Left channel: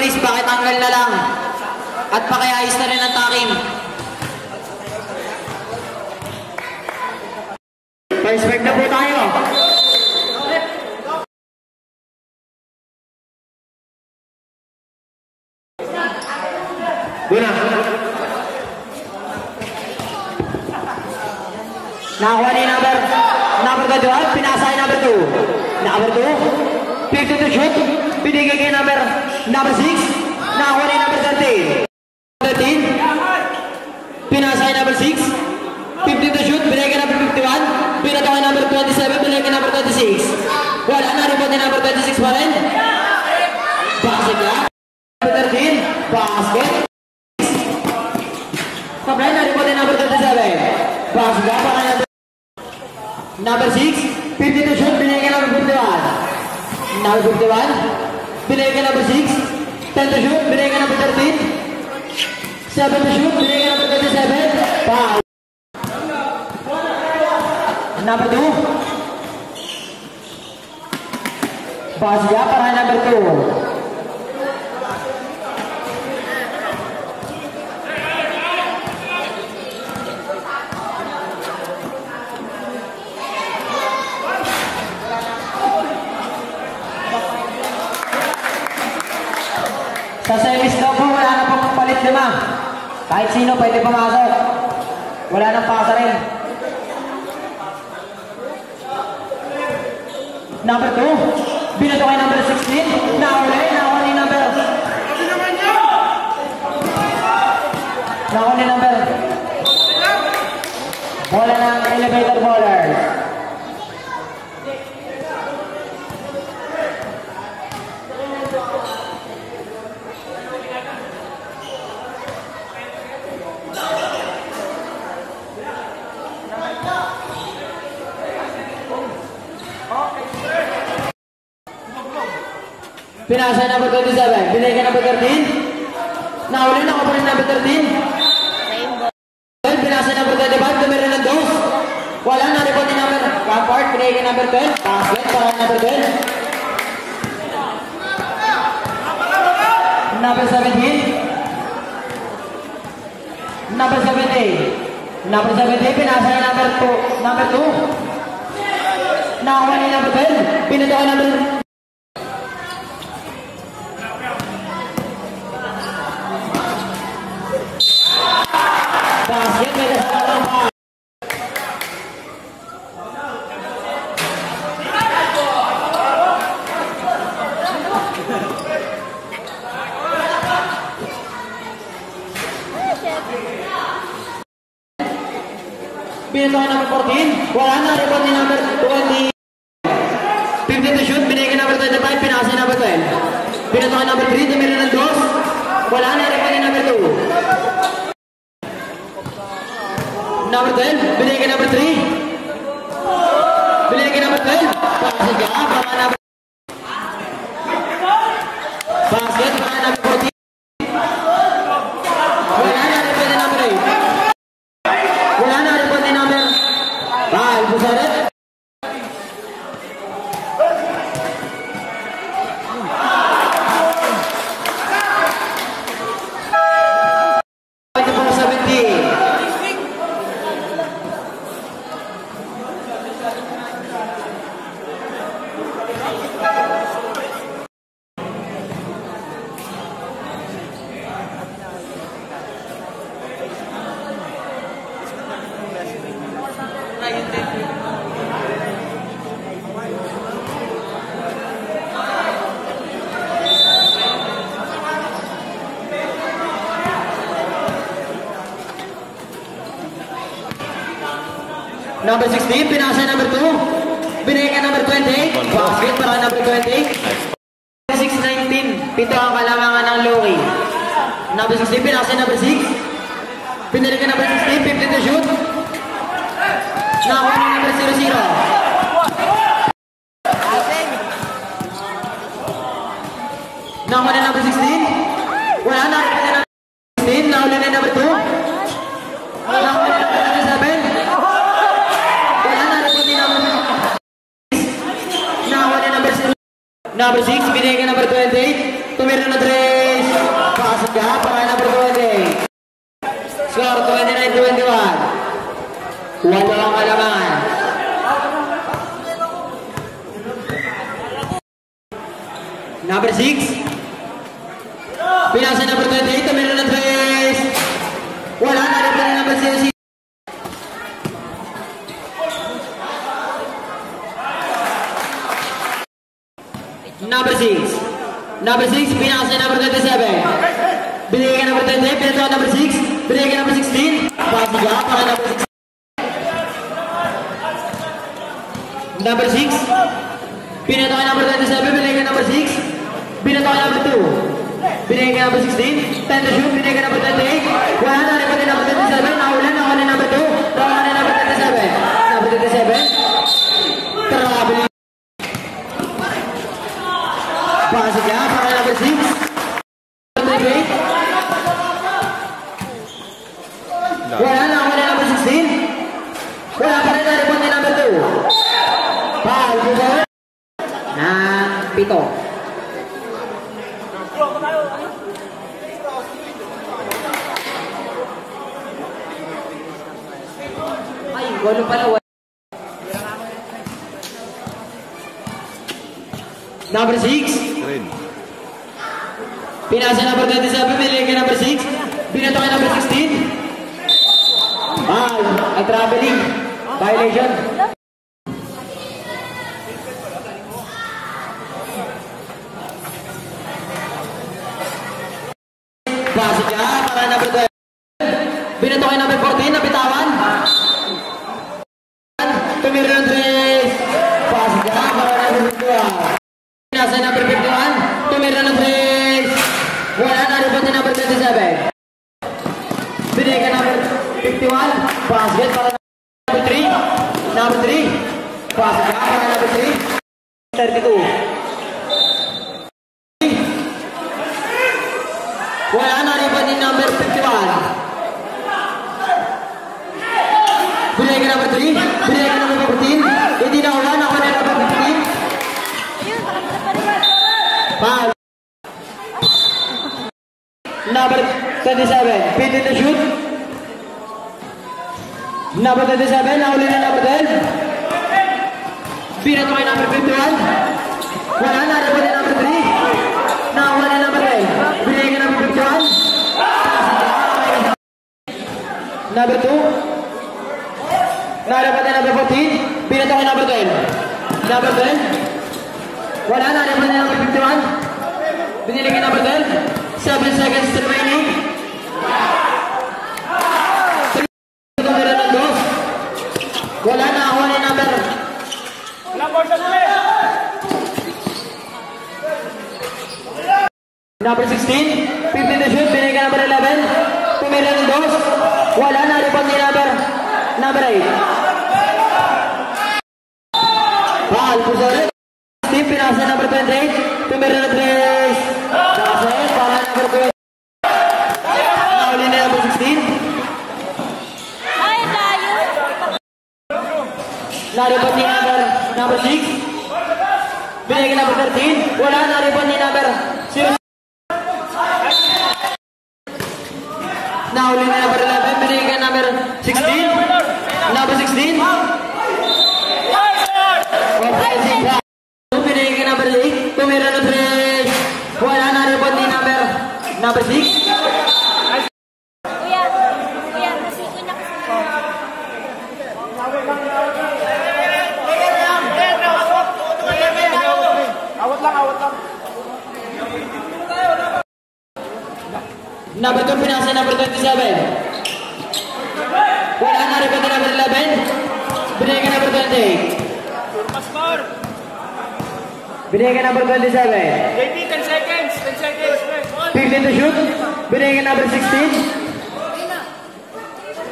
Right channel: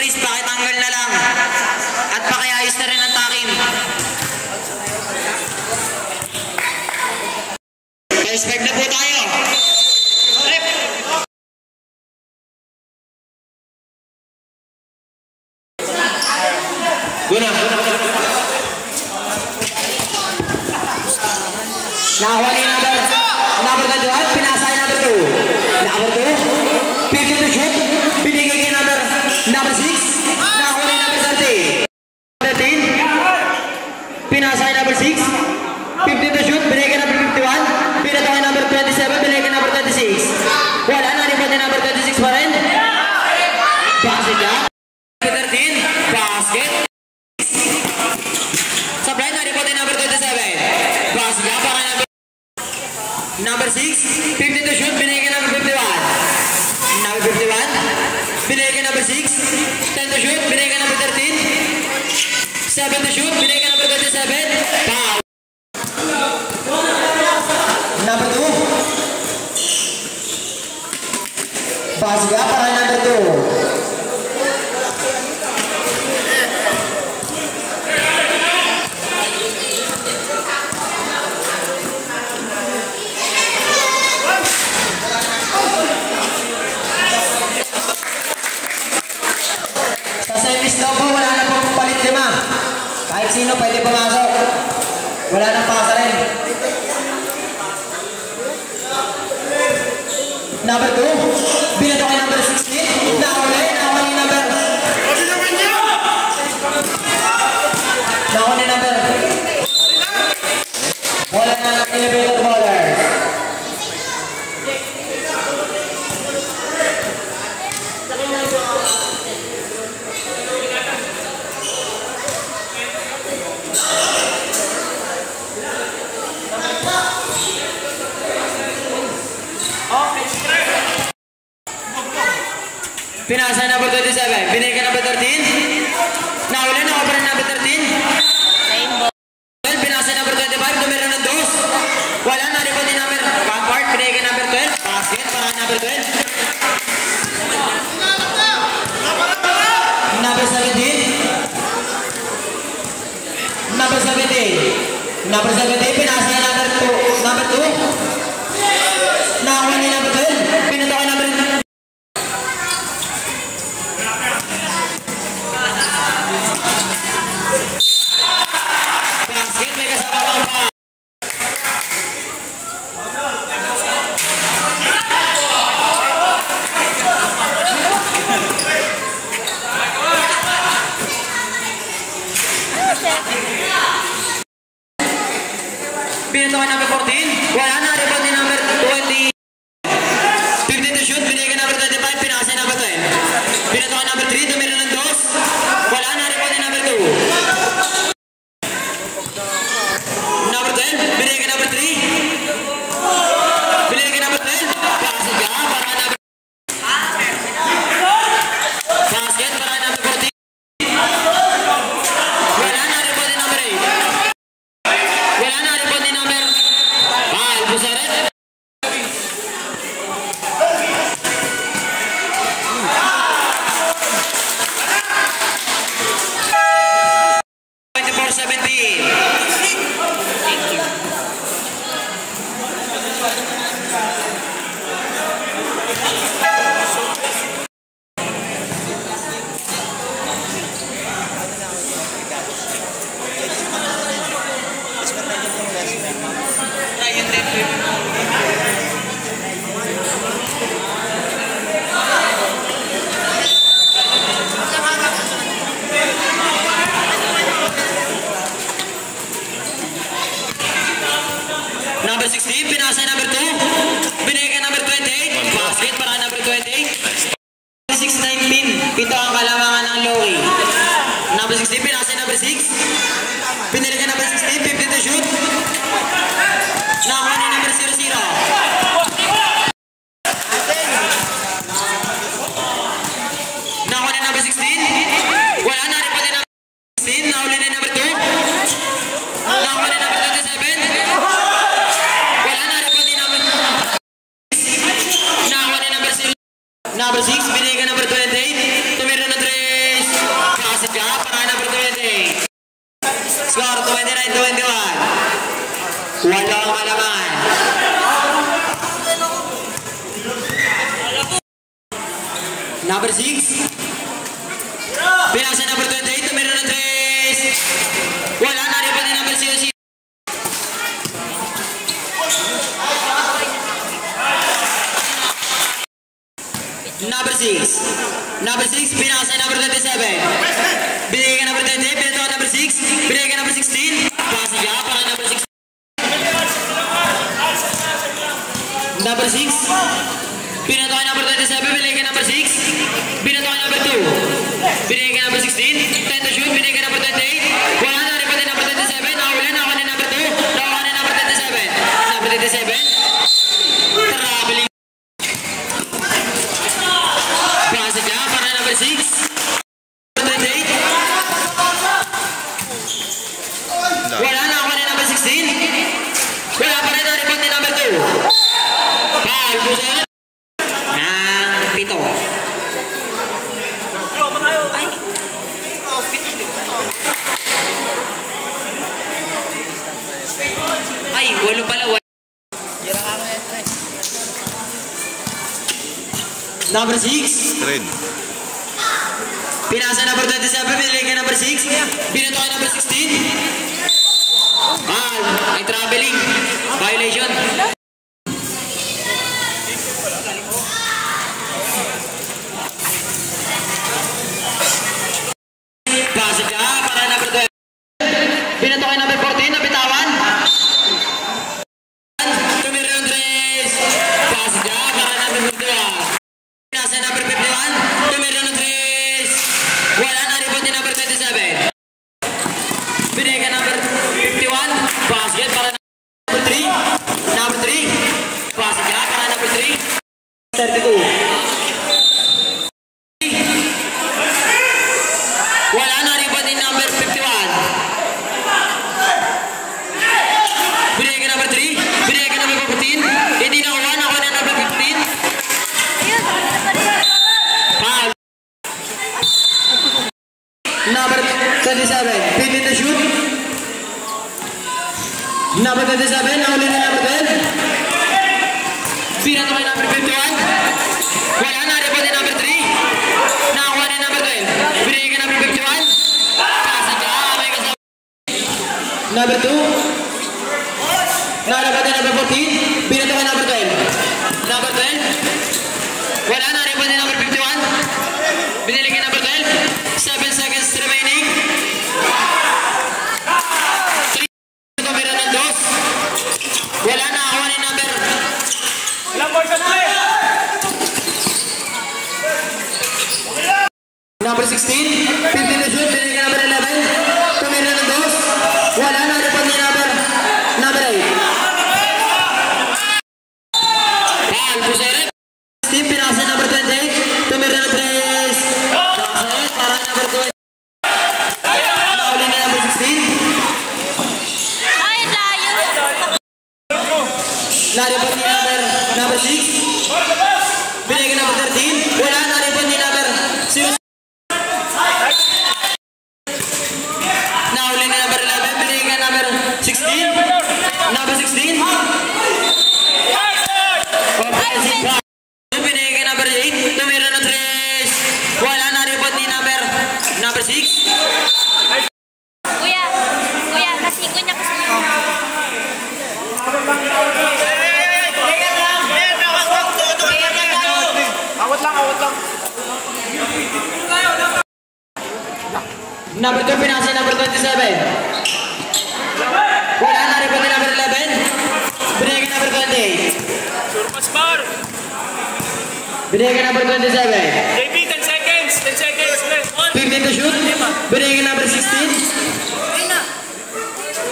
Chris, pakitanggal na lang. At pakiayos na rin ang takin. First break na po tayo. Guna. Nakakuha ni number 2, pinasa ni number 2. Number 2, 50 to shoot, binigay kay number 6, nakakuha ni number 13, pinasa ni number 6, 50 to shoot, binigay kay number 51, pinata kay number 27, binigay kay number 26. Wala na, rebound ni number 26 pa rin. Basket ka. Number 13, basket. Sablay na, rebound ni number 27. Basket ka, para number 6, 50 to shoot, binigay kay number 51. Number 51, binigay kay number 6, 10 to shoot, binigay kay number 13, 7 to shoot, binigay kay number 27, foul. Number 2, basga para number 2. Sa service daw po, wala na pong palit 5. Kahit sino pwede pumasok. Wala nang pasa rin. Number 2, binato kay number 16. Nakuha ni number. Wala na elevator bowlers. Pinasa number 27, binigay ka number 13. Nahuli na ako pa rin number 13. Pinasa number 25, numero ng 2. Wala na rin po din number Campart, binigay ka number 12. Basket para number 12. Number 17. Number 17. Number 17, pinasa number 2. Nakakuha ni number 12. Pinito ka number 13. Basket, may kasama lang pa. Pinito ka number 14. Wala na, rebound ni number 20. 50 to shoot, binigay number 25, pinasa number 12. Pinito ka number 3, dumili ng 2. Wala na, rebound ni number 2. Number 10, binigay ka number 3. Binigay ka number 12. Basket para number 14. Wala na rebound ni number 8. Wala na rebound ni number 5. Busaret. Number 16, pinasa number 2. Binigay ka number 28. Basket para number 28. 6-19. Pito ang kalamangan ng Lowy. Number 16, pinasa number 6. Binigay ka number 16. 50 to shoot. Nakakuha na number 00. Nakakuha na number 16. Wala na rin pala number 16. Nahuli na number 2. Nakakuha na number 27. Number 6, binigay ka number 28. Tumira na 3. Number 6. Pinasa number 28. Tumira ng 3. Wala na rin pa ni number 6. Number 6. Number 6. Pinasa number 27. Binigay ka number 28. Pinasa number 6. Binigay ka number 16. Pasiga pa number 16. Number 6. Pinata number 27. Binigay ka number 6. Pinata number 2. Binigay ka number 16. 10 to shoot. Binigay ka number 28. Wala na rin pa ni number 27. Nakulan number 2. Nakulan na number 27. Number 27. Traveling. Pasiga para number 6. Wala na ako na number 16. Wala pa rin na-report ni number 2. Foul. Buso ng 7. Ay, 8 pala. Number 6. Red. Pinasa number 27. Binigay number 6. Binato ka number 16. Foul. Ay traveling. Violation. Pasok ka para number 12. Binato ka number 14. Nabitawan. Tumira ng 3. Pasok ka para number 12. Pinasa number 51. Tumira ng 3. Wala na rin pa din number 27. Binigay ka number 51. Basket para number 3. Number 3. Basket para number 3. 32. Wala na rin pa din number 51. Binigay ka number 3. Binigay ka number 14. Hindi na wala na ako na number 15. 5. Number 37. 15 to shoot. Number 37, nahuli na number 12. Pinato ka number 51. Wala na rin pa din number 3. Nakakuha na number 12. Binigay ka number 51. Kasi ka, may kasama. Number 2. Nahuli pa din number 14. Pinato ka number 12. Number 12. Wala na rin pa din number 51. Binigay ka number 12. 7 seconds remaining. Wala na ako ni number. Number 16. 15 na shoot. Binigay ka number 11. Tumira ng 2. Wala na rin pa ni number 8. Foul. Pusere. 16. Pinasa number 28. Tumira ng 3. Pusere. Para number 2. Nahuli na number 16. Naripot ni number 6. Binigay number 13. Wala naripot ni number 0. Nahuli ni number 11. Binigay number 16. Number 16. Binigay number 8. Tumira ng 3. Wala naripot ni number 6. Kuya, kasi kunya kasi Number 2, pinasa number 27. Wala na rin pa din number 11. Binigay ka number 28. Binigay ka number 27. JP, 10 seconds. 10 seconds. 15 to shoot. Binigay ka number 16.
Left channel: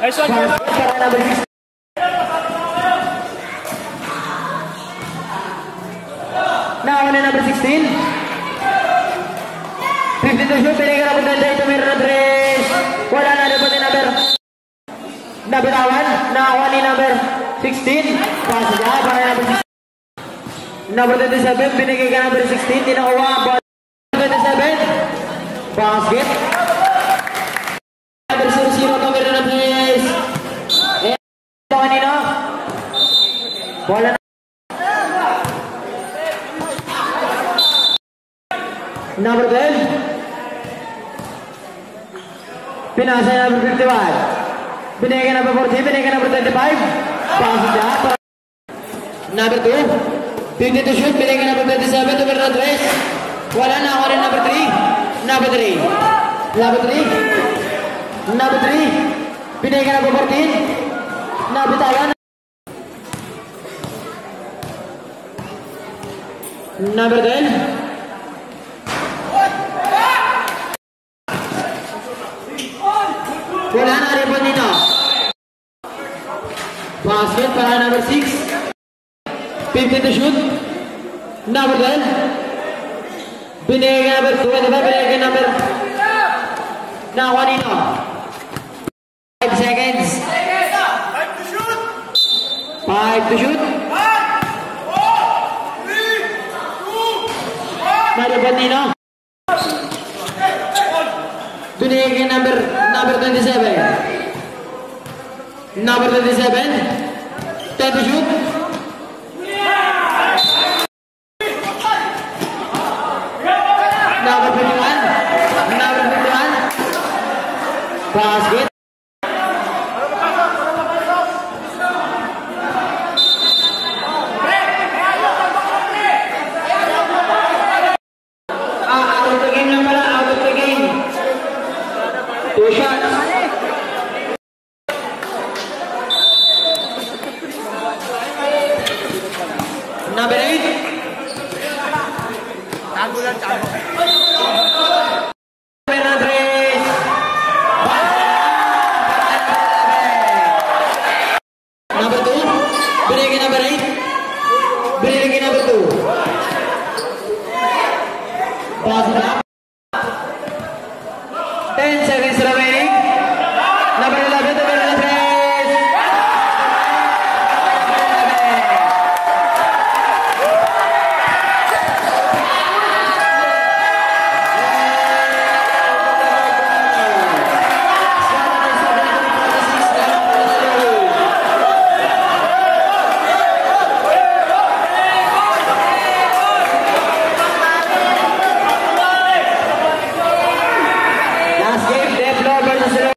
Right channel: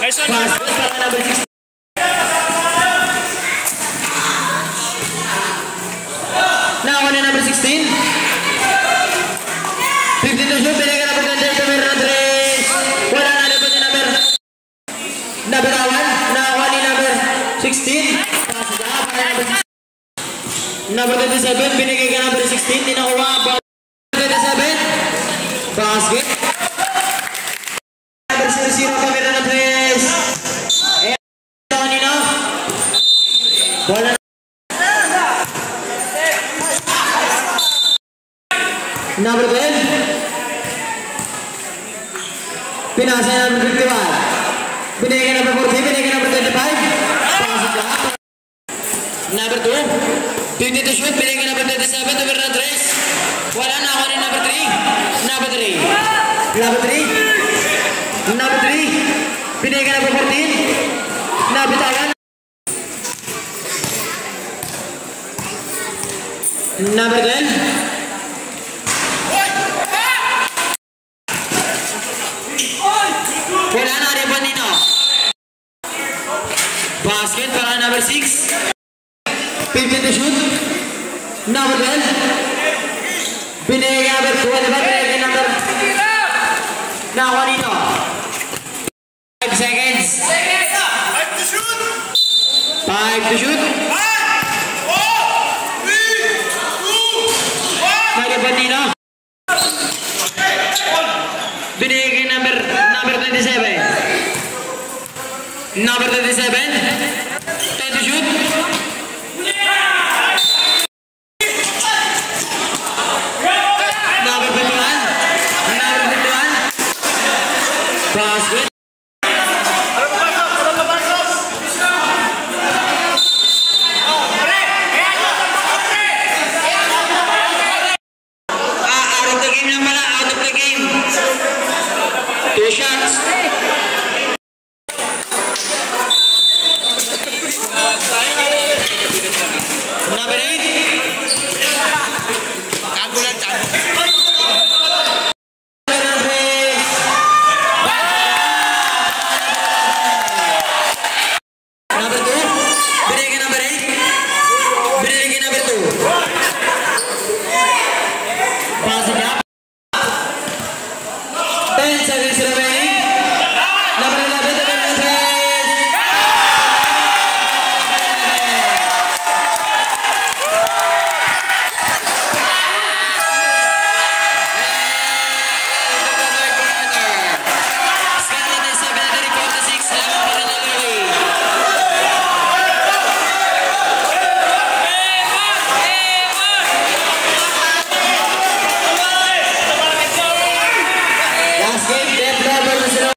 Nice one. Pass para number 16. Now, ano number 16? 15 to shoot. Binigay ka number 28. Tumira ng 3. Wala na rin pa din number 1. Nakakuha ni number 16. Pass ka para number 16. Number 27. Binigay ka number 16. Tinakuha. 27. Basket. Number 0-0. Tumira ng 3. Kanina. Wala na. Number 10. Pinasa number 51. Binigyan number 40, binigyan number 25. Pasok na. Number 2. 52 shoot, binigyan number 27, number 3. Wala na ako rin number 3. Number 3. Number 3. Number 3. Binigyan number 14. Nabitawan. Number 10. Wala na rebound dito. Basket para number 6. 50 to shoot. Number 12. Binigyan number 2. Binigyan number nakuha dito. 5 seconds. 5 to shoot. 5 to shoot. 1, 4, 3, 2, 1. Rebound dito. Binigyan number 27. Number 27. 10 to shoot. Number 51. Number 51. Basket. Out of the game lang pala. Out of the game. 2 shots. Number 8. Tago lang, tago. Number 2. Binigyan number 8. Binigyan number 2. Pasok na. 10 seconds remaining. Number 11, number 3. Last game, Deplo versus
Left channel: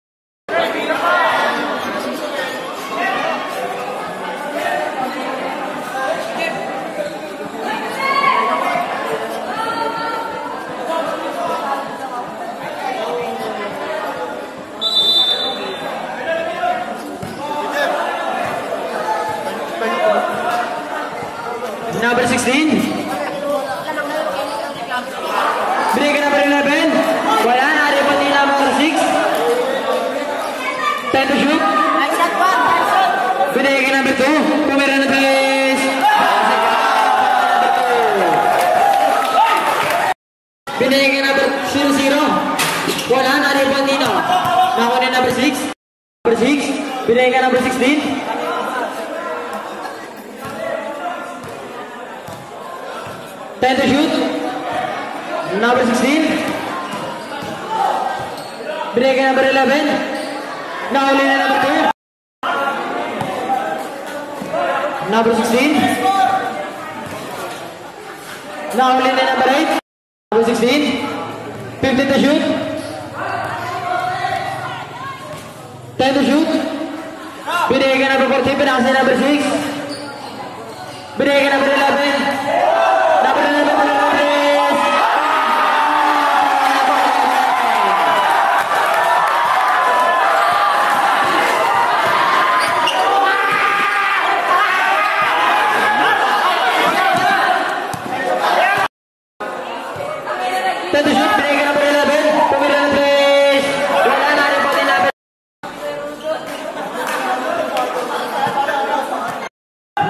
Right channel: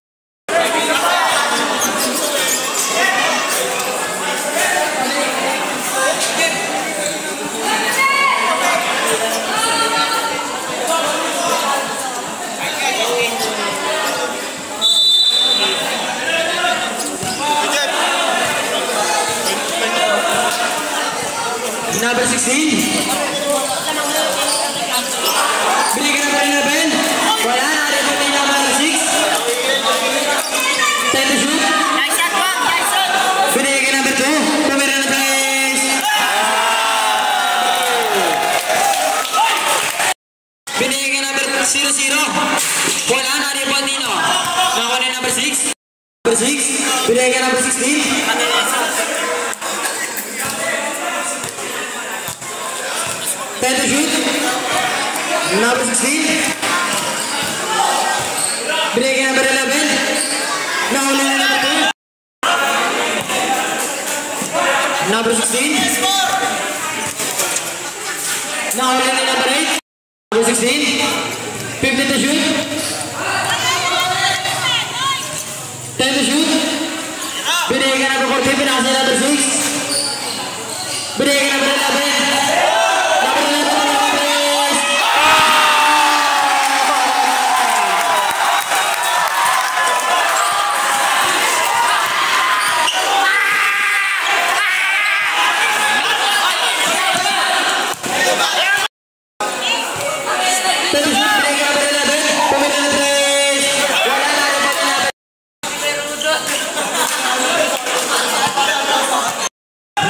number 16. Binigyan number 11. Wala na rin pati number 6. 10 to shoot. Binigyan number 2. Tumira na place. Binigyan number 0-0. Wala na rin pati no. Nakawala number 6. Number 6. Binigyan number 16. 10 to shoot. Number 16. Binigyan number 11. Nahuli na number 2. Number 16. Nahuli na number 8. Number 16. 15 to shoot. 10 to shoot. Binigyan number 14. Pinasa number 6. Binigyan number 11.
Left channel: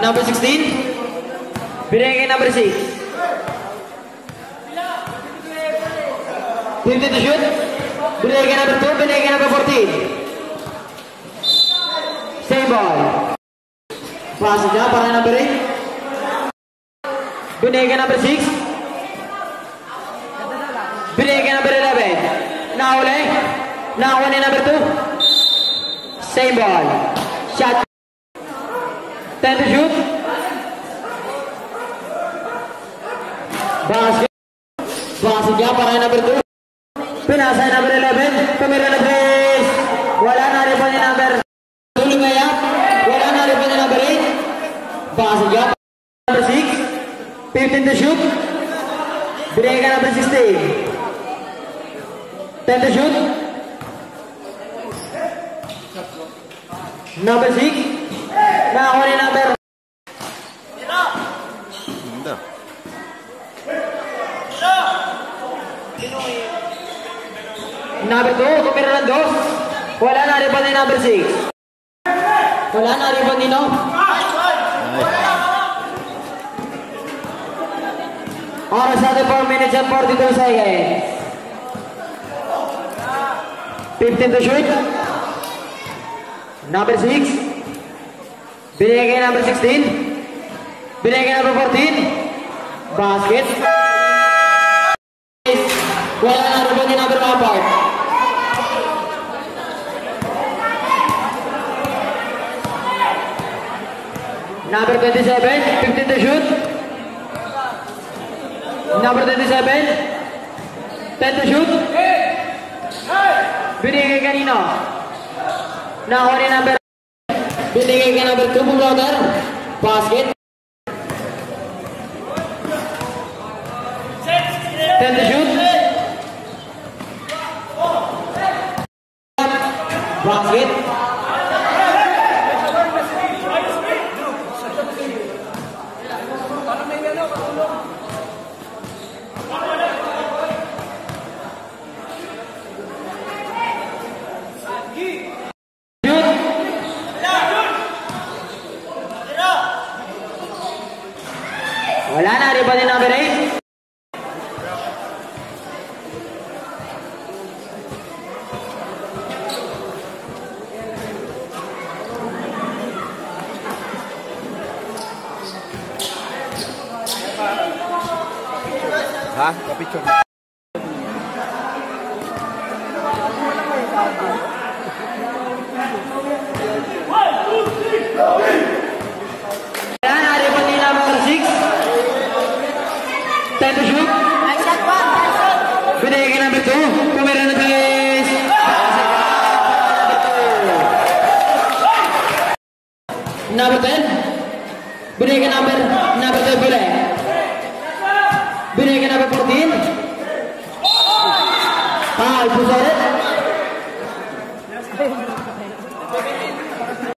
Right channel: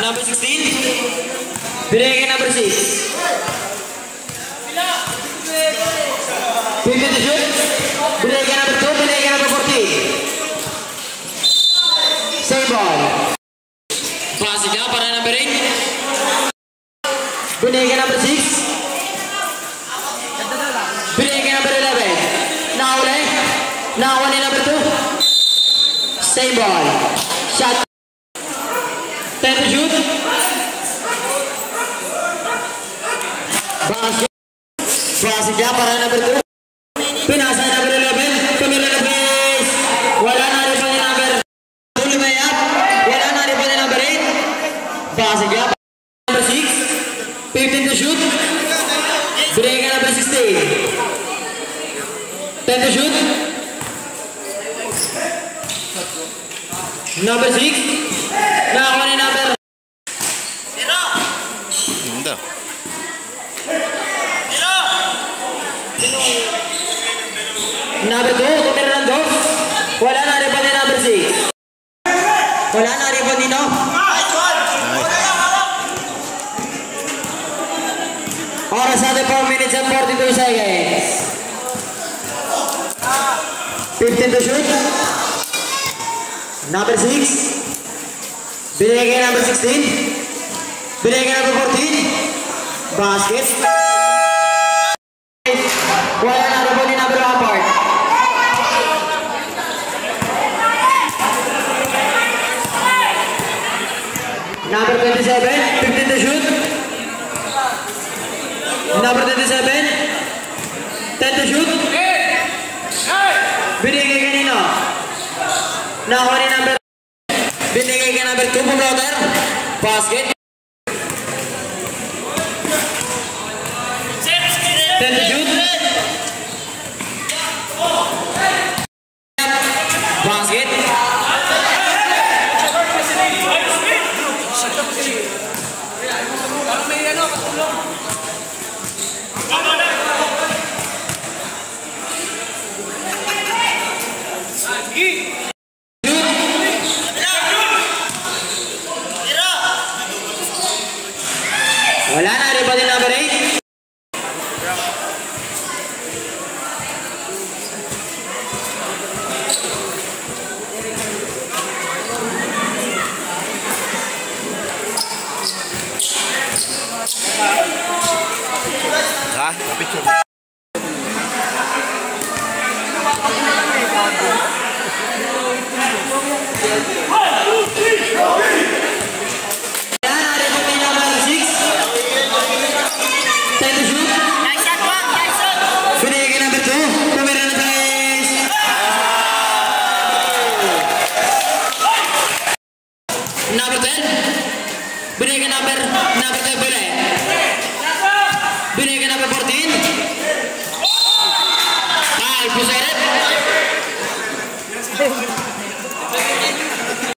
Number 16. Binigyan number 6. 50 to shoot. Binigyan number 2. Binigyan number 14. Same ball. Pasok niya para number 8. Binigyan number 6. Binigyan number 11. Nakawala. Nakawala number 2. Same ball. Shot. 10 to shoot. Basket. Pasok niya para number 2. Pinasa number 11. Tumira na please. Wala na rin pa ni number. Tuloy may up. Wala na rin pa ni number 8. Pasok niya para number 6. 15 to shoot. Binigay ka number 16. 10 to shoot. Number 6. Nakakuha ni number. Ganda. Number 2, tumira ng 2. Wala na rin pa ni number 6. Wala na rin pa ni no. Nice. Para sa ating 4 minutes and 42 seconds. 15 to shoot. Number 6. Binigay kay number 16. Binigay kay number 14. Basket. Wala na rin pa ni number 1 part. Number 27, 15 to shoot. Number 27, 10 to shoot. Binigay kanino? Nakuha ni number. Binigay ka number 2 po brother. Basket. 10 to shoot. Basket. Wala na rin pa din number 8. Ha? Kapicture. Number 10. Binigay number 12 boleh. Binigay number 14. Foul, pusara.